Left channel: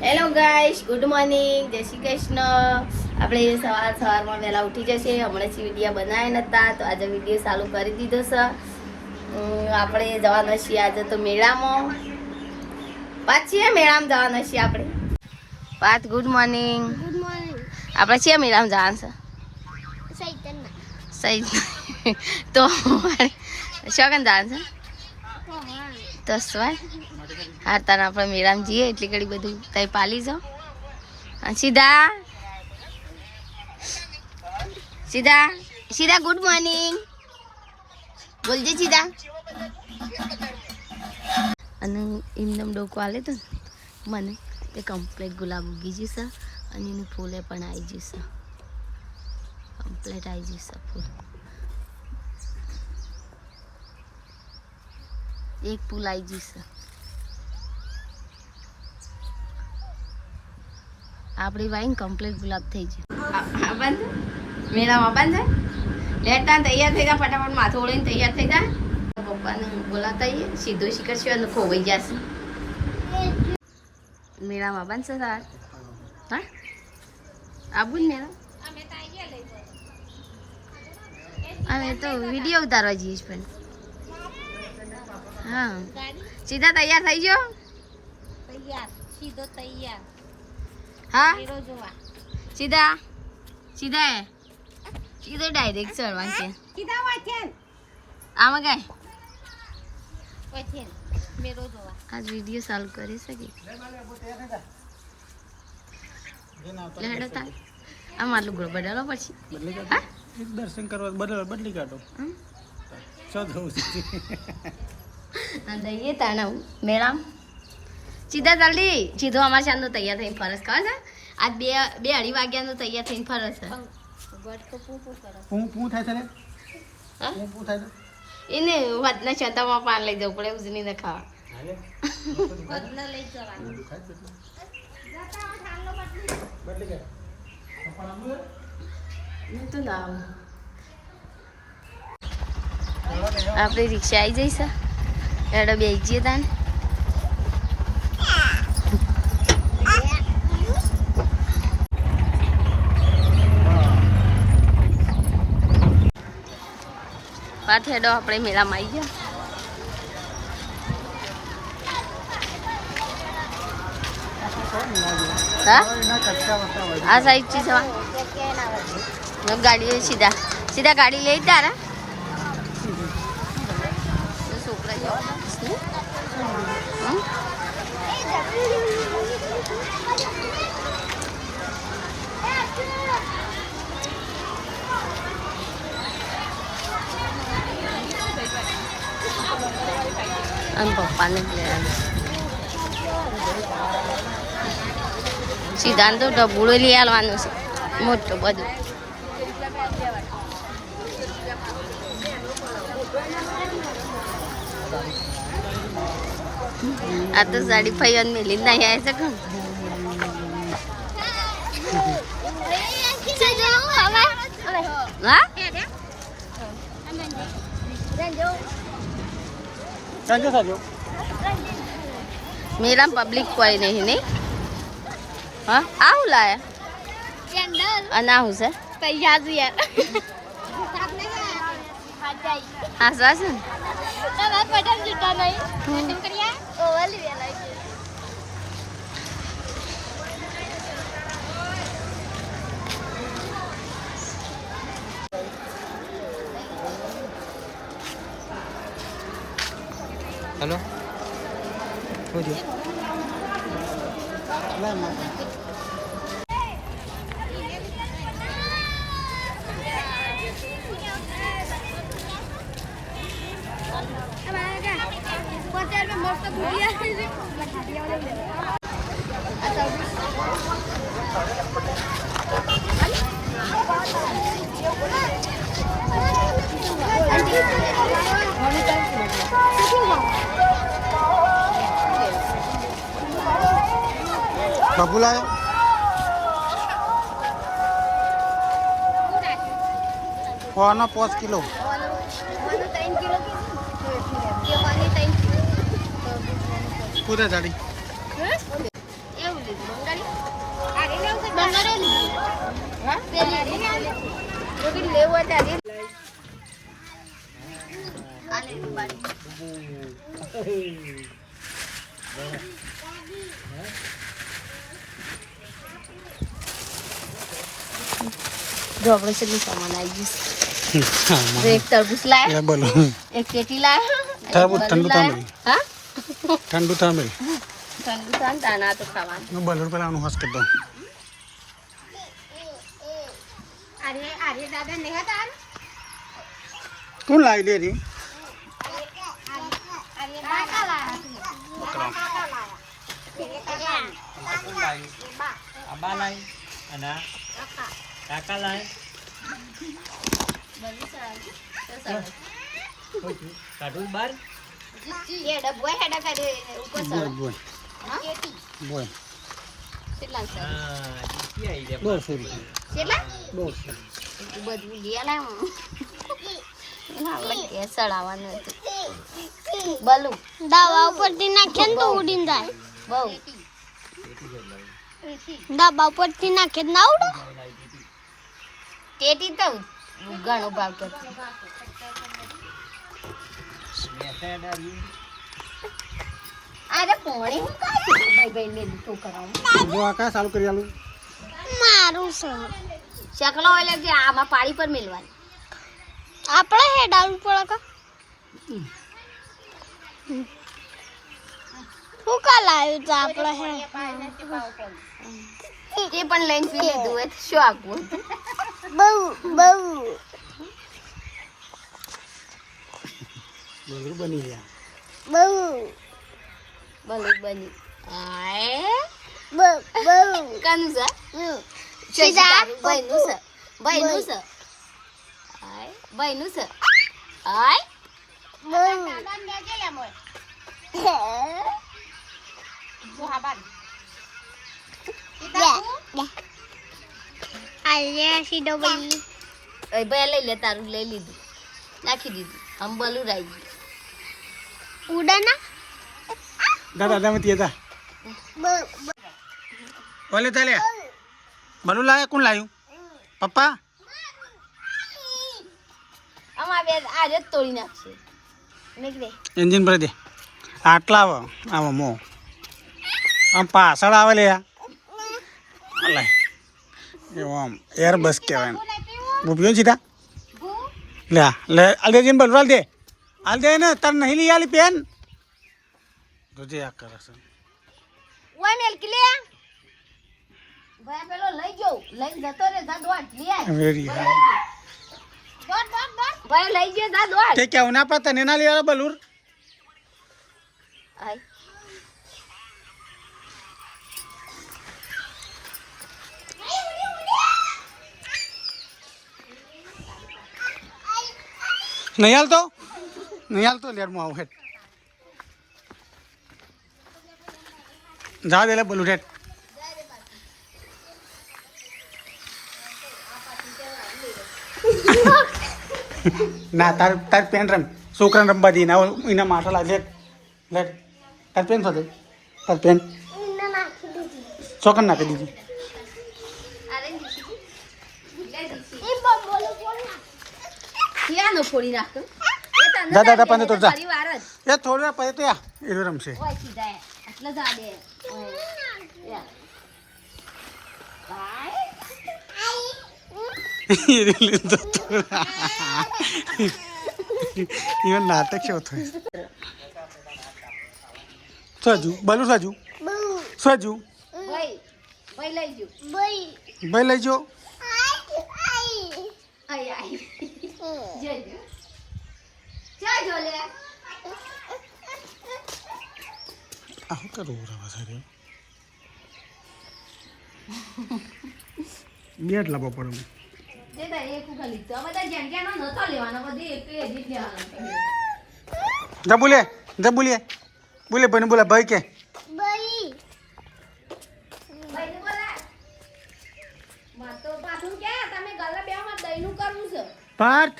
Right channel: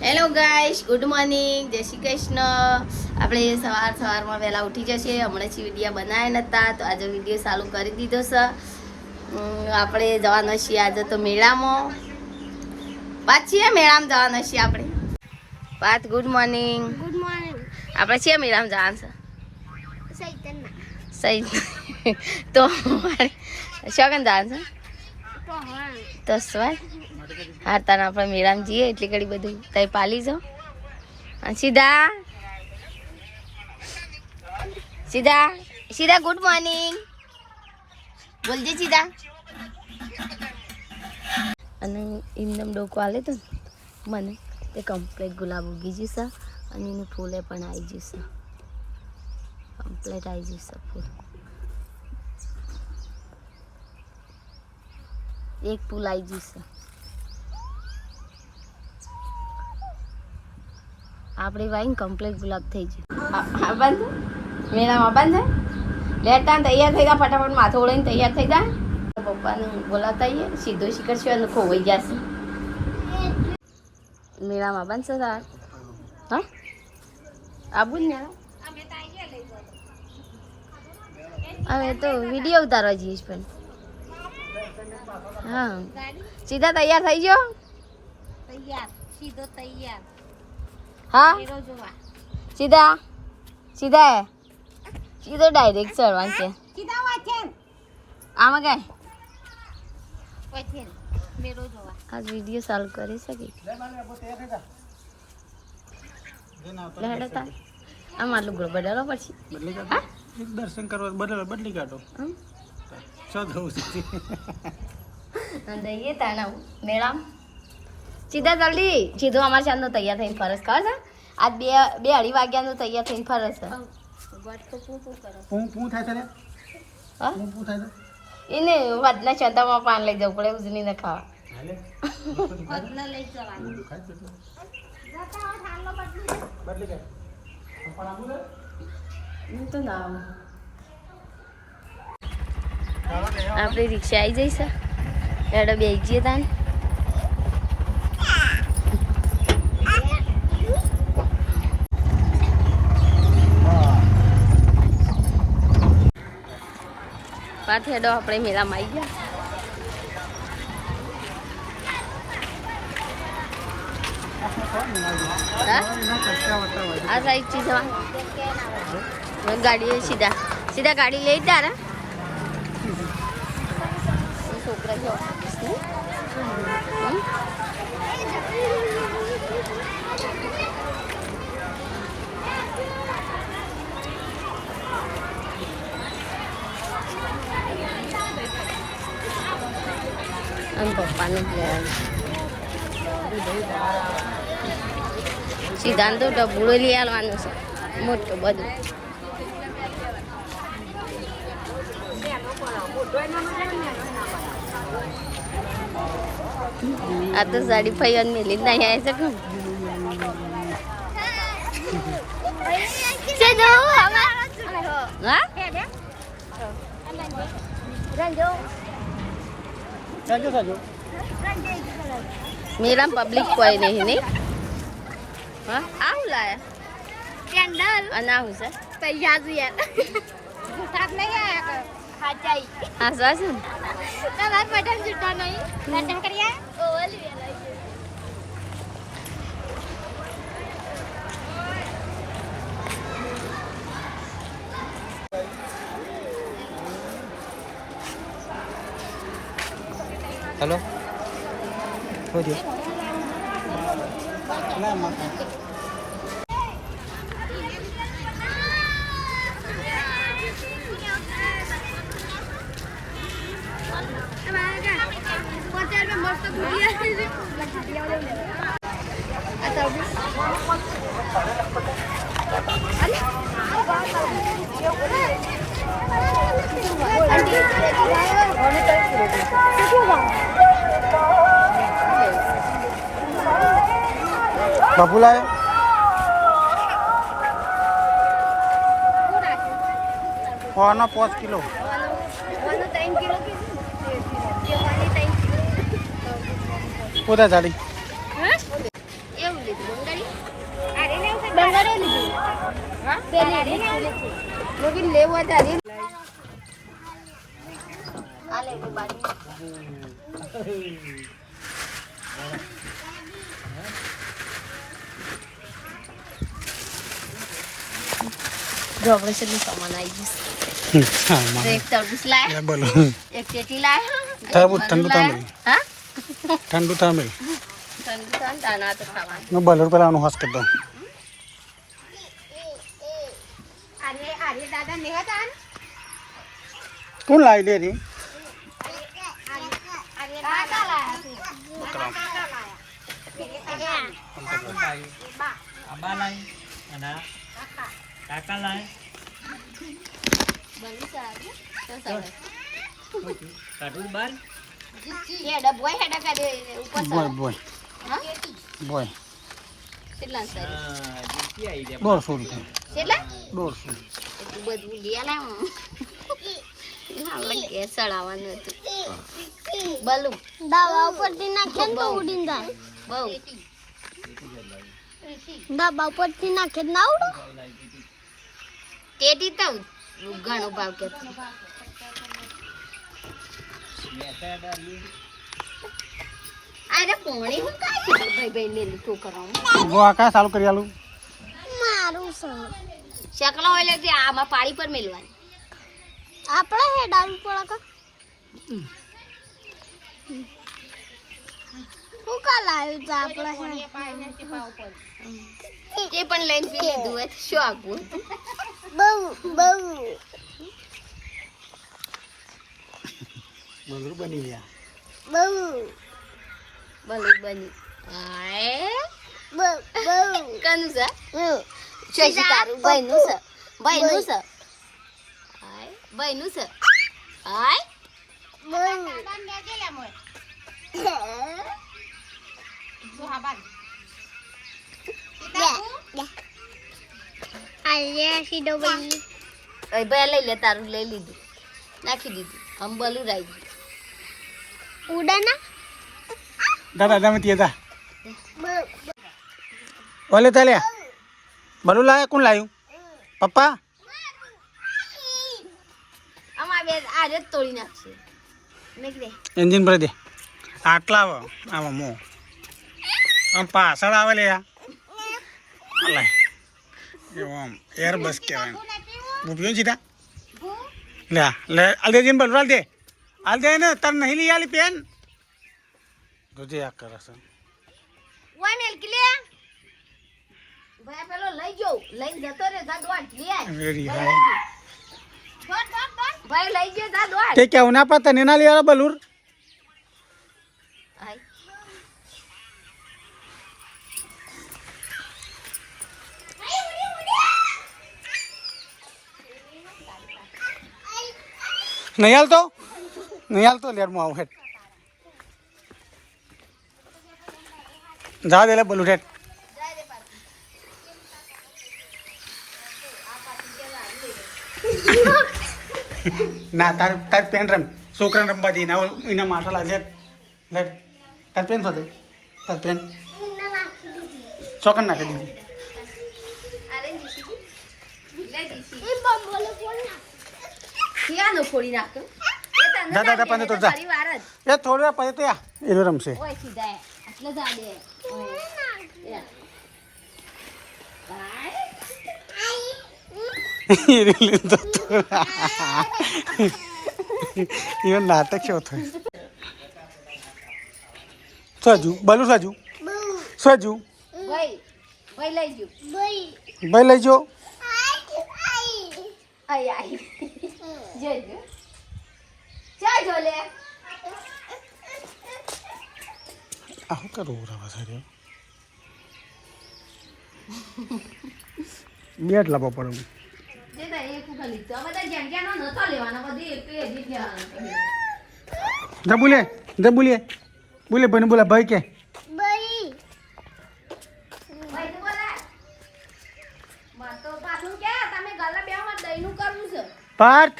Hello guys good morning જય શ્રી કૃષ્ણ. આપણે સવાર સવારમાં વહેલા ઉઠી જશે. હમણાં થી વિડીયા બનાવ્યા નહોતા તો આજે વીડિયો ચાલુ કરી દીધો છે. આપણે જવાના છીએ આજે તો મેળામાં. પાછી મેળામાં જવાના છીએ આપણે. પાત ગુડ મોર્નિંગ ગુડ મોર્નિંગ આપણે છીએ મેળામાં જવાનું છે? સહી તો શોગન જવાનું છે? તો હા તો સ્વાય હારતાના આપણે મેળામાં જઈએ, એટલી ઘડી બધું તય પાલી જાઓ અને સીધા. સીધા. સીધા ગુડ મોર્નિંગ બોલજે સીધા. અને એમનેમ ડોકો આલે તો મને તે કમ્પ્લેટ ગુલાબ ઉગી જશે અને એનું ફૂલે પણ આવી જશે કમ્પ્લેટ આવી જશે ફૂલ. એક ફૂલ આવી જશે આપણી વાઈન કમ્પ્લીટ ગુલાબ થઈ ગયું બંધ મેળામાં બંધ લેતા તૈયાર થઈ જા ફટાફટ માથું ઓળીને તૈયાર થઈ જા. પપ્પાને બોલાતા આવીએ સીધો શિખર છે અને ખોવાઈ જશે. મેળામાં બનશે તાર હા? આવું જ મેળા અમે તો વીડિયો ઉતારવા જઈએ છીએ પણ. હા. સીધા તૈયાર થઈ ગયો તૈયાર સીધો તૈયાર. હા? હીરો જોવા. સીધા? સીધા સીધો ડાયરેક્ટ ચડવાનું છે. સીધા વાંચે આમાં કાંઈ? વાંચેન મેરો જોવા. આજ વીડિયો ચાલુ કરી શકી લેડો આ આમાં લુગડો બદલો પછી બદલી? કાઢો. એક દર્શન કરવા બદલો બદલી કાઢો. હમ? શું થવું છે દઈએ તાને. મેળામ સીધા જલ્દી. સીધો અમારે ચાંદનો તૈયાર થઈને ફરસ ખબર છે? આજ બે બે અઢી વાગ્યાનું તૈયાર થઈને ફરસ છે. પૂ થાય હા? પૂં થાય એને વધના ચંદામાં પાન લઈ જવું પડે ખાવા. લઈ જવાનું. તો ના આવું ખાવા આપણે રિક્ષા આવી જઈશ. એડો બે જઈએ તાન. પાછ હેડો આપણે મેળામાં આવી ગયા હા એના કટકા વત્તા હોય. આ સાઈડથી જવા ગાડી સીધા સીધા ગાડી લઈ તારા છોકરા જો હમ? આમ પપ્પાને જ લઈ આવ્યા સિદ્ધાંત તો ડબુડો લઈ આવવાનું છે મોટું બધું આ તો સાડી ફૈયન મેલી જ નહીં આવે છે કેમ હા ચાલજો ચાલજો મેરા પબ્લિક કોઈ નહીં નહીં હા આવું લાયા ચંદલ અને આવું છે પૈસા જોઈએ સાત લઈ આયા હા સા છે ને તમાર પઠાણ જીતા નહીં દર્શન કરી આય ઓવલી હેલો શું થયું બાપુલાલ? કોનો પાંચ કિલો. પોતા જાડી. લેવું છે બંગાળો લીધું હા પેલા રે લેવું છે મોગી લેવું હોય ત્યારે આ લે બાડી જો આપણે સામાન આવી ગયું એક તરબૂચ લાયા. બોલો. એક ચેટી લાયા. તરબૂચ ઠંડુ હા? ઠંડુ થાંભે ઠંડુ થાય ને તાના તો ખાવાનું પેલા આનું કોણ લાવી દે રી? કાકા લાયા. બલૂન સારું તો સરસ એ ડબ્બો હેડા કાઢે ઉપર બોલ બોલ. હા? બોલ. કેટલા સારું? દોઢસો રૂપિયા. કેટલા? દોઢસો. એટલું બધું લઈ લાવ એના આપણે ઘેર ચડાવવાનું હતું. બલૂન દવા ઉપરથી નાખે ને તો ઉડીને જાય. બહુ. દવા ઉપરથી નાખે ના ઉડો? ટેટી તો ઘણો ભાવ કે અરે પોણી હું ભાઈ ભાઈ ને લીધું કરાવું જો આ કાંઈ ચાલુ કરી આલું? મારું છે. શકલો એટલે જે આમાં પાડી પર મેલવાની. આપણે હેડાવું પડે કા? શું કા લાવ્યું તો આપણે હે? તે પણ લઈને પી લીધું હોય તો શું આપવું બહુ બહુ બલૂર બની ગયા બહુ ભલે બની આય બહુ બહુ કાનું છે બહુ સીધા ભાઈનું છે ભાઈનું છે આય ભાઈનું છે આય આજે સીધો ભાઈ એ ભાઈ લઈ લે તારું લઈ લીધું. નાખી દીધું. આમ બલું રાઈ ગયું. ઉડાના? દાદા તમે ત્યાં જા. ઓલે ચાલ્યા બલૂર લાયા કોણ લાવ્યું પપ્પા? આમાં બે આજે તોડી નાખશે. એન્જિન ભરી દે. આટલા આવો આમાં મો. આમ પાછળ આવે લે આ. અલે એવું આમ એર બસ કહેવાય બુભ્યો સીધા? લે લે આલ દે બલૂર આલ દે. દે ને તાર નહીં લઈ આલી પેન. બધે આ કરે છે. ઓય મેલકી લે ભાઈ પેલો લઈ ગયો લઈ જતો રે જા દોડ લે આય. વેરી હાય ભાઈ લઈ ગયો જા દોડ તે કેવું ના પતા ને ના લઈ આલા બલૂર આય. નહીં હાલતો? નહીં હાલતો લેર હું આવું હેઠ જા દે બોલું હેઠ ના, તાર તાર પેન રમ. છોકરાને રમવા દી, ના એના માથા લાગે. લેટ તાર પેન સાથે. તાર પેન. છોકરા નાખી દીધી. ક્યાંનો ફોડી નાખતો જા, જા, જા, તો જા. એ થોડી પછી તો એ રમશે. એટલે જા દે. ઇવન નાટક છે થયું. સજુ બલુ સજુ. સજુ. ભાઈ લઈ જો. ભાઈ લઈ જો. આઈ આય. જય જય ચાલ જો લે? આવું કરવું રવા સારી બેટ લાવવા પડે. જે એક ઉખા લીધો આ બધા જેમ જેમ નતો લેવાનો બધી એક જ લેવાનો. જા બોલે જા બોલે બોલે બને બોલા ભાઈ કે ભાઈ તો બોલા માં